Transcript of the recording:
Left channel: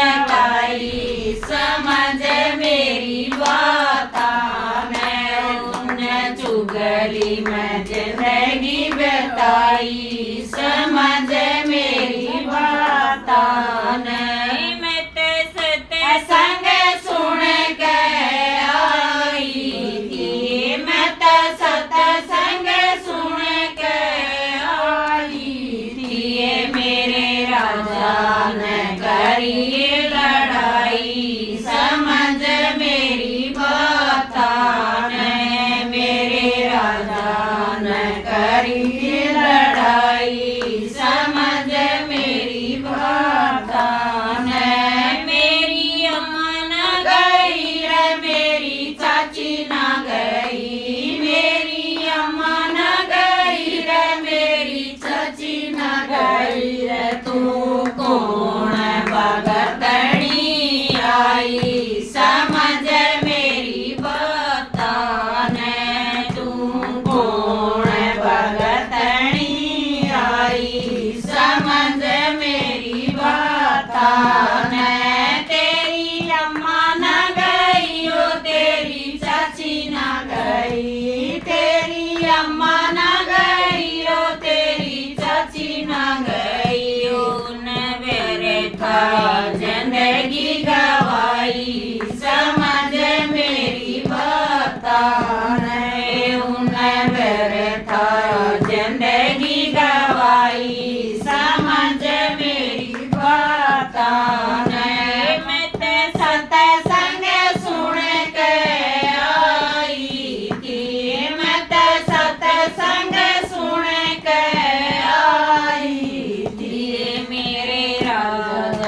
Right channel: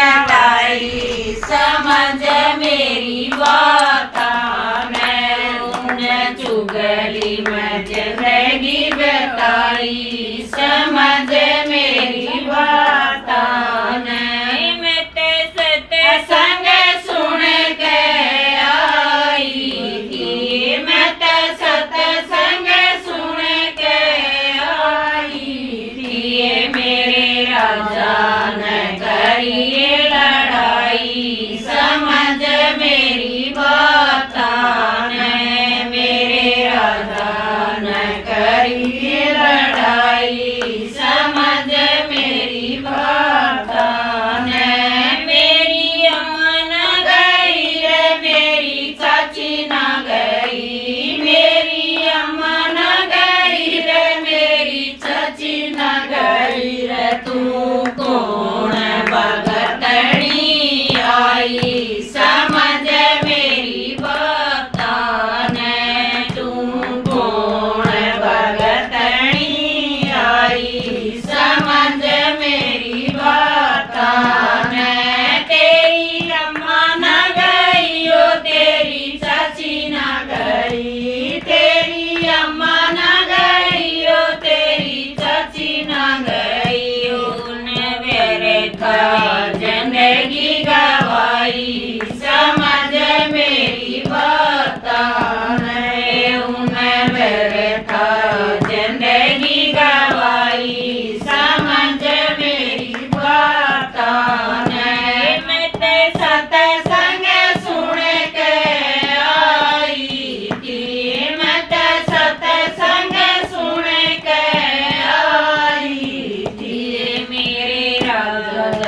लगाई समझ मेरी बात ने उन चुगली में जिंदगी बताई समझ मेरी बात ने मैं ते संग सुन के आई थी मैं ते सत्संग सुन के आई थी मेरे राजा ने करिए लड़ाई समझ मेरी बात ने मेरे राजा ने करिए लड़ाई समझ मेरी बात ने मेरी अम्मा न गई रे मेरी चाची न गई मेरी अम्मा न गई रे मेरी चाची न गई रे तू कौन भगतनी आई समझ मेरी बात ने तू कौन भगतनी आई समझ मेरी बात ने तेरी अम्मा न गई ओ तेरी चाची न गई तेरी अम्मा न गई ओ तेरी चाची न गई उन मेरे था जिंदगी गवाई समझ मेरी बात ने उन मेरे था जिंदगी गवाई समझ मेरी बात ने मैं ते सत्संग सुन के आई थी मैं ते सत्संग सुन के आई थी मेरे राजा